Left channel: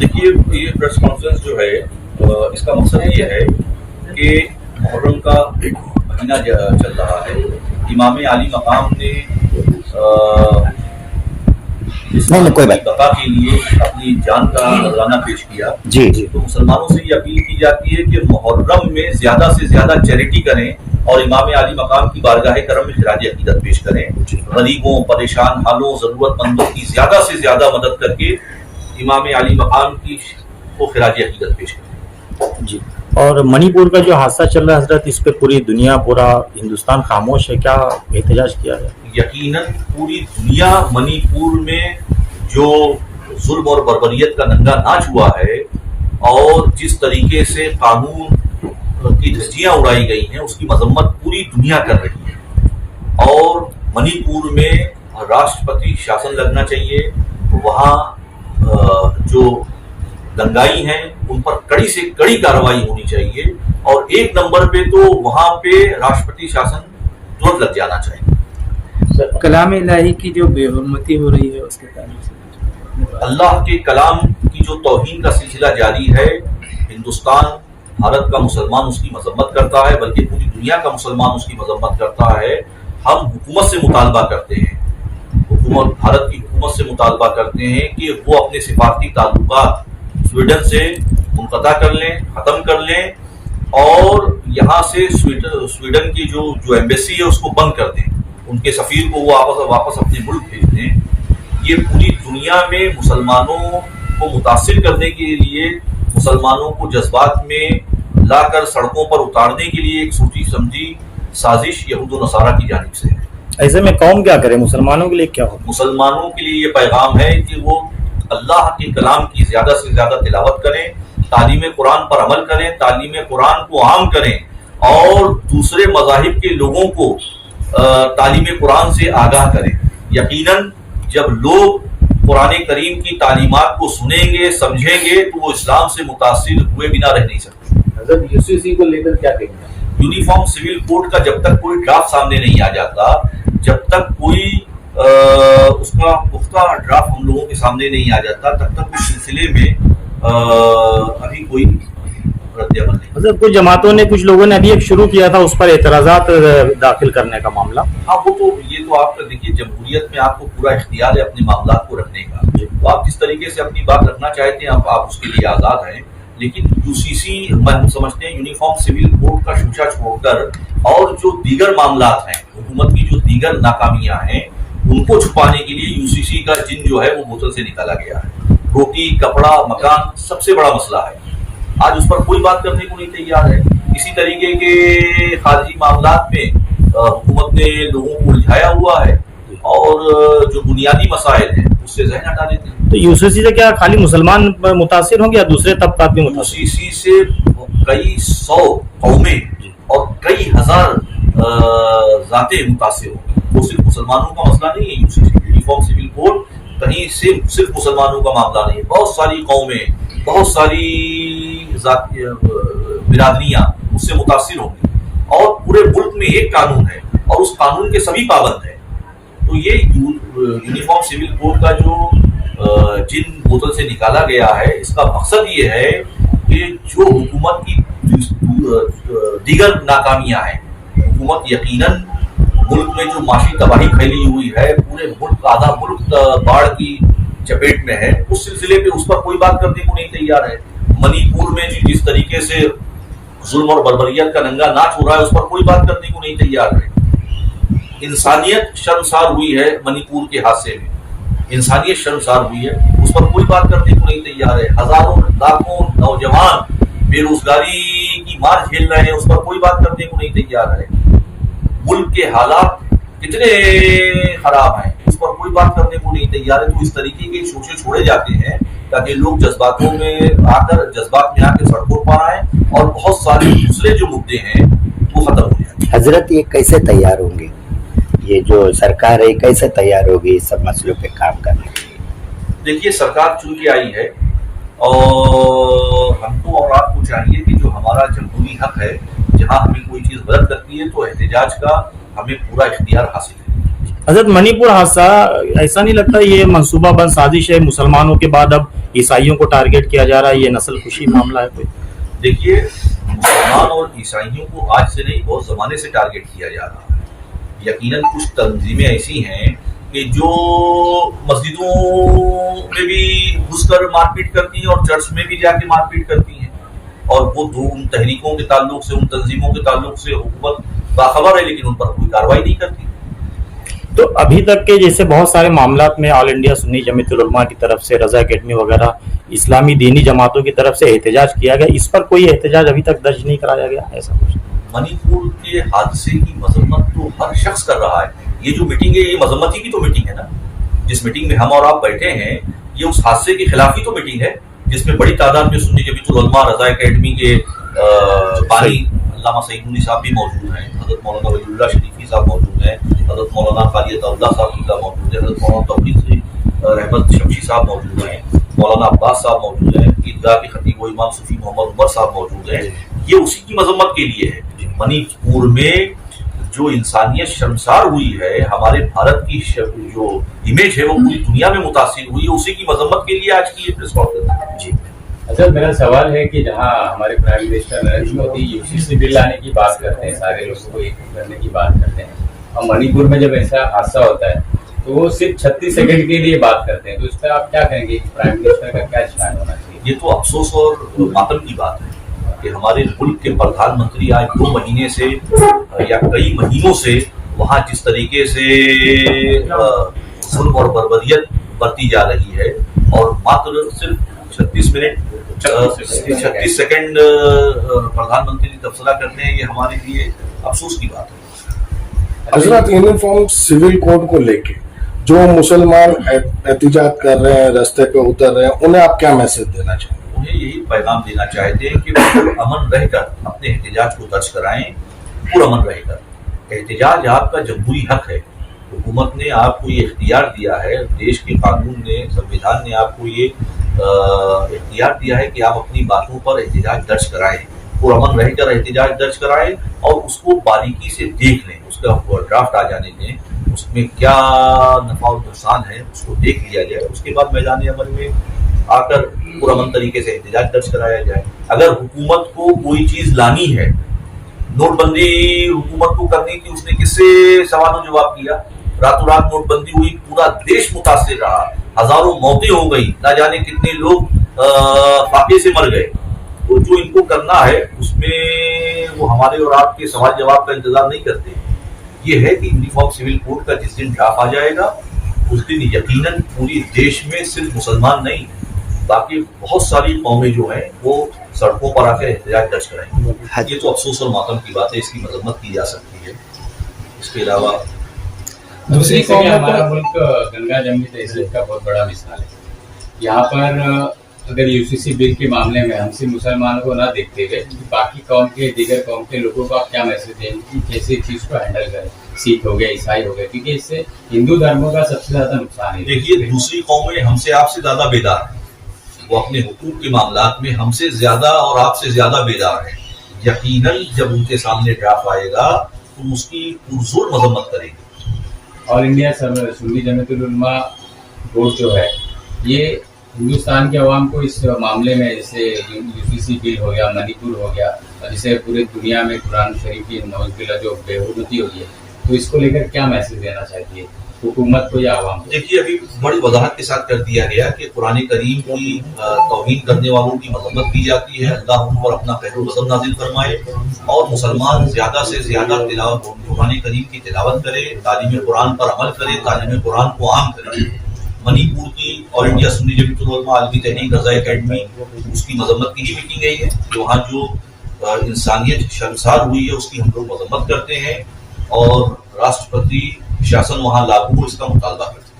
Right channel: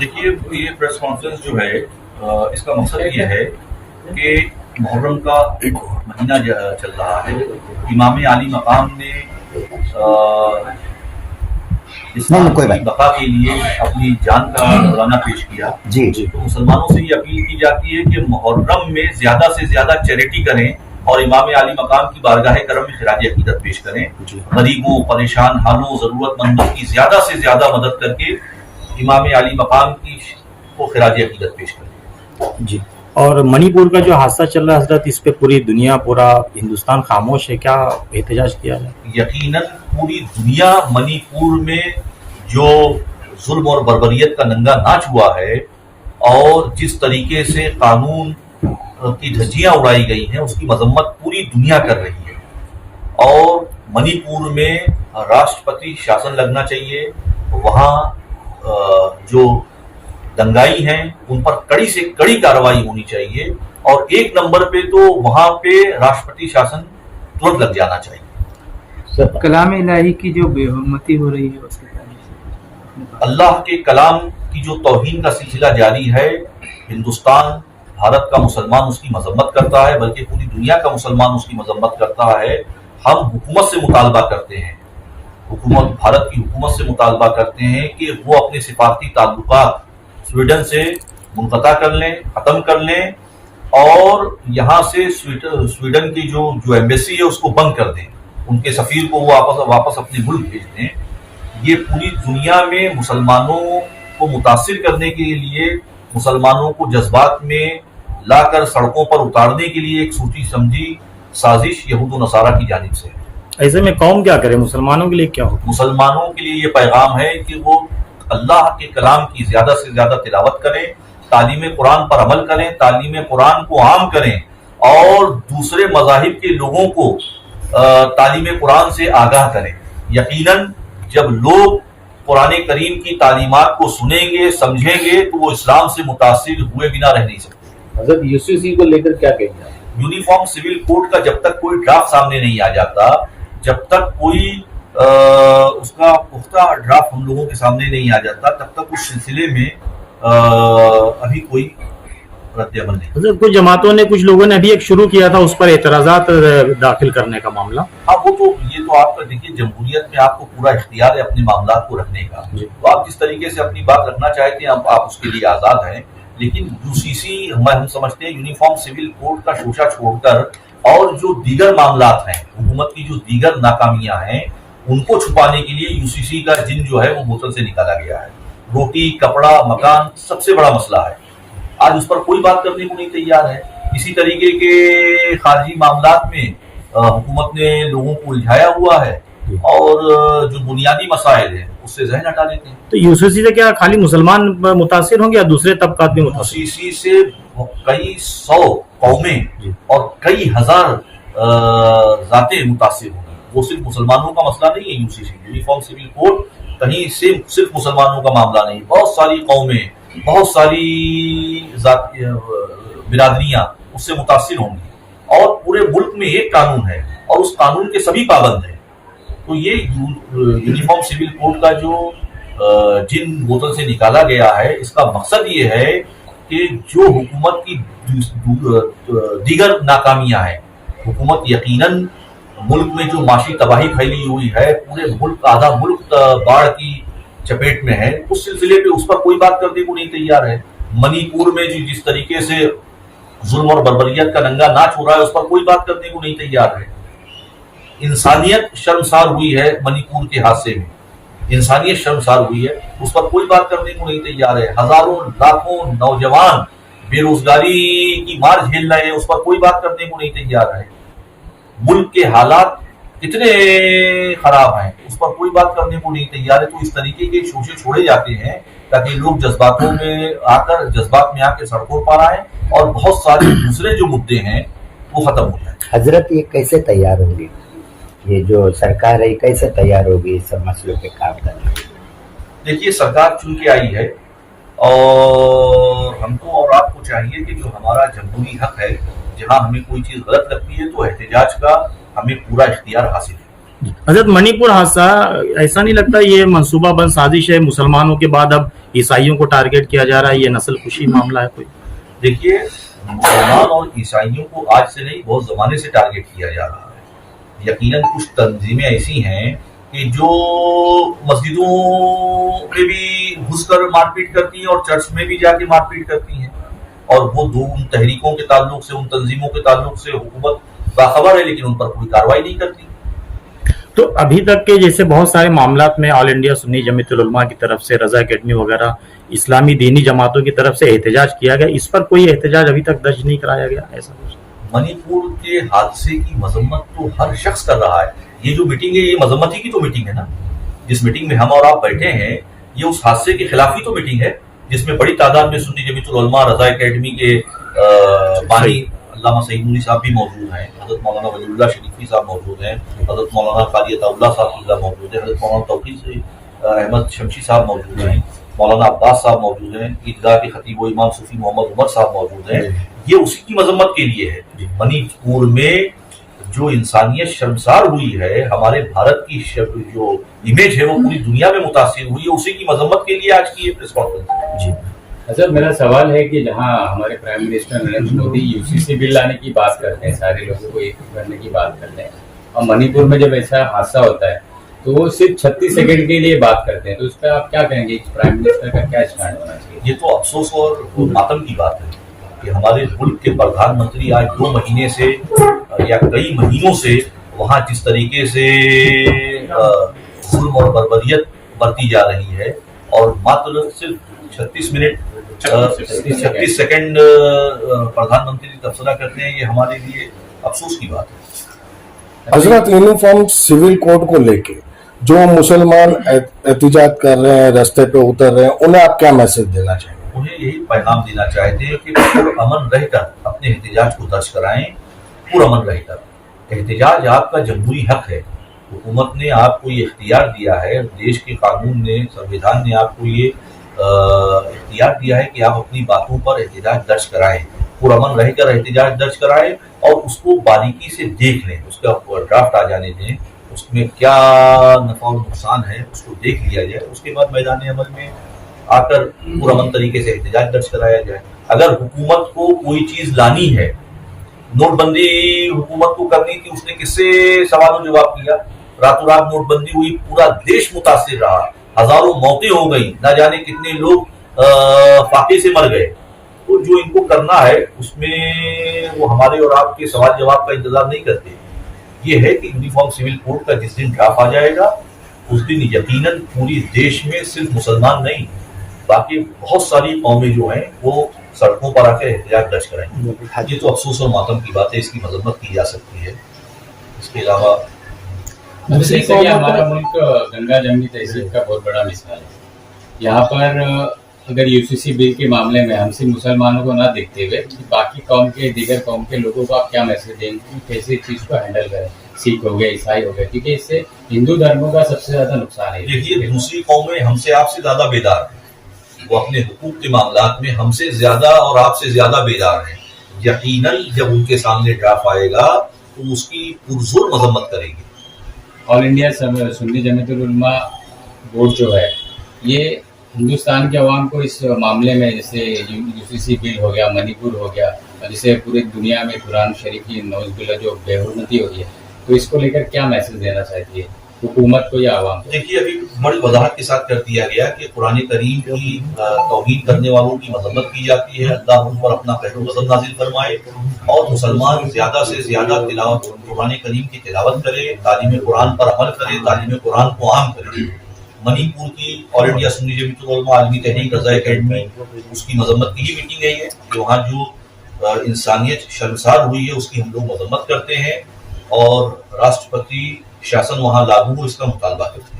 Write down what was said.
دیکھیے یہ press conference جو ہے اس کا مقصد یہ ہے کہ محرم کا مہینہ چل رہا ہے. امام عالی مقام نے اسلام کی بقا کے لیے اپنی جان کا نذرانہ پیش کیا. تو مسلمانوں سے یہ اپیل کی جاتی ہے کہ محرم میں زیادہ سے زیادہ چیریٹی کریں اور امام عالی مقام کی بارگاہ کرم میں خراج عقیدت پیش کریں. غریبوں، پریشان حالوں، ضرورت مندوں کی زیادہ سے زیادہ مدد کر کے امام عالی مقام کی کو خراج عقیدت پیش کریں. جی. اور منی پور کا جو حادثہ چل رہا ہے حضرت، اس پہ پوری دنیا، پورا ہندوستان خاموش ہے، کیا احتجاج کیا ہے؟ یقیناً پوری دنیا منی پور میں جو ظلم اور بربریت کا ننگا ناچ ہوا ہے اور جس طریقے سے قانون کی دھجیاں اڑائی گئی ہیں اس کی مذمت پوری دنیا کر رہی ہے. اور منی پور میں راشٹرپتی شاسن لگنا چاہیے. وہاں جو دنگائی ہیں ان پر کڑی سے کڑی کارروائی ہونی چاہیے اور ایک نمبر پہ تو وہاں پہ راشٹرپتی شاسن ترنت لگ جانا چاہیے. کلام الہی کی جو بے حرمتی ہو رہی ہے اس کے تعلق سے اللہ کے کلام کی جو توہین کا سلسلہ جاری ہے، ہندوستان، بھارت کا مسلمان اس کی مذمت کرتا ہے، بلکہ پوری دنیا کا مسلمان اس کی مذمت کرتا ہے. ہم حکومت سے مطالبہ کرتے ہیں، بھارت کی حکومت سے مطالبہ کرتے ہیں کہ وہ اپنے سفارتی تعلقات سویڈن سے منقطع کر لیں، ختم کر لیں اور یہاں سے سویڈن کی جو ایمبیسی ہے اس کو بند کر دیں، ان کے سفیر کو وہ واپس اپنے ملک بھیج دیں. یہ پوری دنیا میں مسلمانوں کو متاثر کرنے کے لیے، مسلمانوں کو جذبات میں لا کر سڑکوں پر اتارنے کے لیے ایک سوچی سمجھی سازش یہود و نصارہ کی جانب سے ہے. ایسے میں قوم کیا کرے؟ مسلمانوں کے لیے کیا ہو؟ مسلمانوں کے لیے یہ پیغام ہے کہ وہ اللہ کے کلام کی زیادہ سے زیادہ تلاوت کریں، تعلیم قرآن پر عمل کریں، تعلیم قرآن کو عام کریں اور دوسرے مذاہب کے لوگوں کو تعلیم قرآن سے آگاہ کریں. یقیناً جب لوگ قرآن کریم کی تعلیمات کو سنیں گے، سمجھیں گے تو وہ اسلام سے متاثر ہوئے بنا رہ نہیں سکتے. حضرت UCC کو لے کر کیا کہتے ہیں؟ یونیفارم سول کوڈ کا جب تک کوئی ڈرافٹ سامنے نہیں آ جاتا، جب تک کوئی اس کا پختہ ڈرافٹ ہم لوگوں کے سامنے نہیں آ جاتا، تب تک اس سلسلے میں ابھی کوئی رد عمل نہیں. حضرت کچھ جماعتوں نے، کچھ لوگوں نے ابھی ایک شروع کیا تھا اس پر اعتراضات داخل کرنے کا معاملہ. ہاں وہ تو یہ تو آپ کا دیکھیے، جمہوریت میں آپ کو پورا اختیار ہے اپنے معاملات کو رکھنے کا. تو آپ جس طریقے سے اپنی بات رکھنا چاہتے ہیں آپ اس کے لیے آزاد ہیں. لیکن UCC ہم سمجھتے ہیں یونیفارم سول کوڈ کا شوشہ چھوڑ کر اور جو دیگر معاملات ہیں، حکومت کی جو دیگر ناکامیاں ہیں، ان کو چھپانے کے لیے UCC کا جن جو ہے وہ بوتل سے نکالا گیا ہے. روٹی، کپڑا، مکان سب سے بڑا مسئلہ ہے. آج اس پر کوئی بات کرنے کو نہیں تیار ہے. اسی طریقے کے خارجی معاملات میں حکومت نے لوگوں کو الجھایا ہوا ہے اور جو بنیادی مسائل ہیں اس سے ذہن ہٹا دیتے ہیں. تو UCC سے کیا خالی مسلمان متاثر ہوں گے یا دوسرے طبقات بھی متاثر؟ UCC سے کئی 100 قومیں اور کئی ہزار ذاتیں متاثر ہوں. وہ صرف مسلمانوں کا مسئلہ نہیں ہے. UCC یونیفارم سول کوڈ کہیں صرف مسلمانوں کا معاملہ نہیں. بہت ساری قومیں، بہت ساری برادریاں اس سے متاثر ہوں گی اور پورے ملک میں ایک قانون ہے اور اس قانون کے سبھی پابند ہیں. تو یہ یونیفارم سول کوڈ کا جو جن بوتل سے نکالا گیا ہے، اس کا مقصد یہ ہے کہ جو حکومت کی دیگر ناکامیاں ہیں، حکومت یقیناً ملک میں جو معاشی تباہی پھیلی ہوئی ہے، پورے ملک، آدھا ملک باڑھ کی چپیٹ میں ہے، اس سلسلے پہ اس پر کوئی بات کرنے کو نہیں تیار ہے. منی پور میں جس طریقے سے ظلم اور بربریت کا ننگا ناچ ہو رہا ہے اس پر کوئی بات کرنے کو نہیں تیار ہے. انسانیت شرمسار ہوئی ہے منی پور کے حادثے میں، انسانیت شرمسار ہوئی ہے، اس پر کوئی بات کرنے کو نہیں تیار ہے. ہزاروں لاکھوں نوجوان بے روزگاری کی مار جھیل رہے ہیں، اس پر کوئی بات کرنے کو نہیں تیار ہے. ملک کے حالات کتنے خراب ہیں، اس پر کوئی بات کرنے کو نہیں تیار ہے. تو اس طریقے کے شوشے چھوڑے جاتے ہیں تاکہ لوگ جذبات میں آ کے سڑکوں پر آئیں اور بہت سارے دوسرے جو مدعے ہیں وہ ختم ہو جائیں. حضرت یہ کیسے تیار ہوں گے؟ یہ جو سرکار ہے کیسے تیار ہوگی سب مسئلوں پہ کام کرنے؟ دیکھیے، سرکار چن کے آئی ہے اور ہم کو اور آپ کو چاہیے کہ جو ہمارا جمہوری حق ہے، جہاں ہمیں کوئی چیز غلط لگتی ہے تو احتجاج کا ہمیں پورا اختیار حاصل ہے. हजरत मणिपुर हादसा, ऐसा नहीं लगता ये मंसूबाबंद साजिश है? मुसलमानों के बाद अब ईसाइयों को टारगेट किया जा रहा है, ये नस्ल खुशी मामला है कोई? देखिए, मुसलमान और ईसाइयों को आज से नहीं बहुत जमाने से टारगेट किया जा रहा है। यकीनन कुछ तंजीमें ऐसी हैं कि जो मस्जिदों में भी घुसकर मारपीट करती हैं और चर्च में भी जाके मारपीट करती हैं, और वो दो उन तहरीकों के ताल्लुक से, उन तंजीमों के ताल्लुक से हुकूमत बाखबर है, लेकिन उन पर कोई कार्रवाई नहीं करती। तो अभी तक के जैसे बहुत सारे मामलात में ऑल इंडिया सुन्नी जमीयतुल उलमा की तरफ से, रजा अकेडमी वगैरह इस्लामी दीनी जमातों की तरफ से एहतजाज किया गया, इस पर कोई एहतजाज अभी तक दर्ज नहीं कराया गया, ऐसा कुछ? मणिपुर के हादसे की मजम्मत तो हर शख्स कर रहा है। ये जो मीटिंग है, ये मजम्मत ही की तो मीटिंग है ना। जिस मीटिंग में हम और आप बैठे हैं, ये उस हादसे के खिलाफ ही तो मीटिंग है, जिसमें बड़ी तादाद में सुन्नी जमीयतुल उलमा, रजा अकेडमी के बानी अल्लामा सईद नूरी साहब भी मौजूद हैं, हज़रत मौलाना वलीउल्लाह शरीफी साहब मौजूद हैं, हज़रत मौलाना कारी अताउल्लाह साहब मौजूद हैं, हज़रत मौलाना तौहीद अहमद शमशी साहब मौजूद हैं, मौलाना अब्बास साहब मौजूद हैं, ईदगाह के खतीब व इमाम सूफी मोहम्मद उमर साहब मौजूद हैं। ये उसी की मजम्मत के लिए है। मणिपुर में जो इंसानियत शर्मसार हुई है, हमारे भारत की जो इमेज है वो पूरी दुनिया में मुतासिर हुई है, उसी की मजम्मत के लिए आज की ये प्रेस कॉन्फ्रेंस। जी अच्छा, मेरा सवाल है कि जहां हमारे prime minister Narendra Modi UCC bill लाने की बात करते हैं, सारे लोगों को एक करने की बात करते हैं, और मणिपुर में जब ऐसा हादसा होता है तो वो सिर्फ 36 सेकंड के लिए बात करते हैं, तो इस पर आप क्या कहेंगे? प्राइम मिनिस्टर का क्या स्टैंड होना चाहिए? ये तो अफसोस और मातम की बात है कि हमारे मुल्क के प्रधानमंत्री आज 2 महीने से या कई महीनों से वहाँ जिस तरीके से जुल्म और बर्बरियत बरती जा रही है, और मात्र सिर्फ 36 सेकंड प्रधानमंत्री तबसरा करते हैं, ये हमारे लिए अफसोस की बात है। हजरत, यूनिफॉर्म सिविल कोड को लेके जो मुसलमान एहतिजाज कर रहे हैं, रास्ते पे उतर रहे हैं, उन्हें आप क्या मैसेज देना चाहेंगे? उन्हें यही पैगाम देना चाहते हैं कि पुरअमन रहकर अपने एहतिजाज को दर्ज कराएं। पुरअमन रहकर एहतिजाज आपका जमहूरी हक है। हुकूमत ने आपको ये इख्तियार दिया है, देश के कानून ने, संविधान ने आपको ये इख्तियार दिया है कि आप अपनी बातों पर एहतिजाज दर्ज कराएं, पुरअमन रहकर एहतिजाज दर्ज कराएं, और उसको बारीकी से देख लें, उसका ड्राफ्ट आ जाने दें, उसमें क्या नफा और नुकसान है उसको देख लिया जाए, उसके बाद मैदान अमल में आकर पुरअमन तरीके से एहतिजाज दर्ज कराया जाए। अगर हुकूमत को कोई चीज लानी है, नोटबंदी हुकूमत को करनी थी, उसने किससे सवाल जवाब किया? रातों रात नोटबंदी हुई, पूरा देश मुतासिर रहा, हजारों मौतें हो गई, ना जाने कितने लोग फाके से मर गए। तो जो इनको करना है उसमें वो हमारे और आपके सवाल जवाब का इंतजार नहीं करते। ये है कि यूनिफॉर्म सिविल कोड का जिस दिन ड्राफ्ट आ जाएगा, उस दिन यकीनन पूरी देश में सिर्फ मुसलमान नहीं, बाकी बहुत सारी कौमें जो हैं वो सड़कों पर आकर एहतजाज दर्ज कराएंगे। ये तो अफसोस और मातम की बात है, इसकी मजम्मत की जा सकती है। इसके अलावा दूसरी से हमारा मुल्क गंगा जमनी तहसील का बहुत बड़ा मिसाल है। यहाँ पर अगर यूसीसी बिल के मामले में हम सिर्फ मुसलमानों को ना देखते हुए बाकी कौम के, दीगर कौम के लोगों को आप क्या मैसेज देंगे कि कैसे चीज को हैंडल करें? सिख हो गए, ईसाई हो गए, क्योंकि इससे हिंदू धर्मों का सबसे ज्यादा नुकसान है। देखिए, दूसरी कौमें हमसे आपसे ज्यादा बेदार हैं, वो अपने हुकूक के मामलात में हमसे ज्यादा और आपसे ज्यादा बेदार हैं। यकीनन जब उनके सामने ड्राफ्ट आएगा तो उसकी पुरजोर मजम्मत करेंगे। ऑल इंडिया सुन्नी जमीयतुल उलमा बोर्ड जो है, ये हिंदुस्तान के अवाम को इस मामले में, जैसे यूसीसी बिल हो गया, मणिपुर हो गया, और जैसे पूरी दुनिया में कुरान शरीफ की नौज़बिल्लाह जो बेहुरमती हो रही है, तो इसको लेकर क्या मैसेज देना चाहती है हुकूमत को या अवाम को? देखिए, अभी बड़ी वजाहत के साथ कर दिया गया कि कुरान करीम की तौहीन करने वालों की मजम्मत की जाती है। अल्लाह उन पर अपना खैरुल गज़ब नाज़िल फरमाए, और मुसलमान ज्यादा से ज्यादा तिलावत कुरान करीम की तिलावत करे, तालीम कुरान पर अमल करे, तालीम कुरान को आम करे। मणिपुर की ऑल इंडिया सुन्नी जमीयतुल उलमा आलमी तहरीक रज़ा अकेडमी, उसकी मजम्मत की ही मीटिंग गई है। वहाँ जो इंसानियत शर्मसार हुई है उसकी हम लोग मजम्मत करते हैं, और राष्ट्रपति शासन वहाँ लागू हो इसका मुतालबा करते हैं।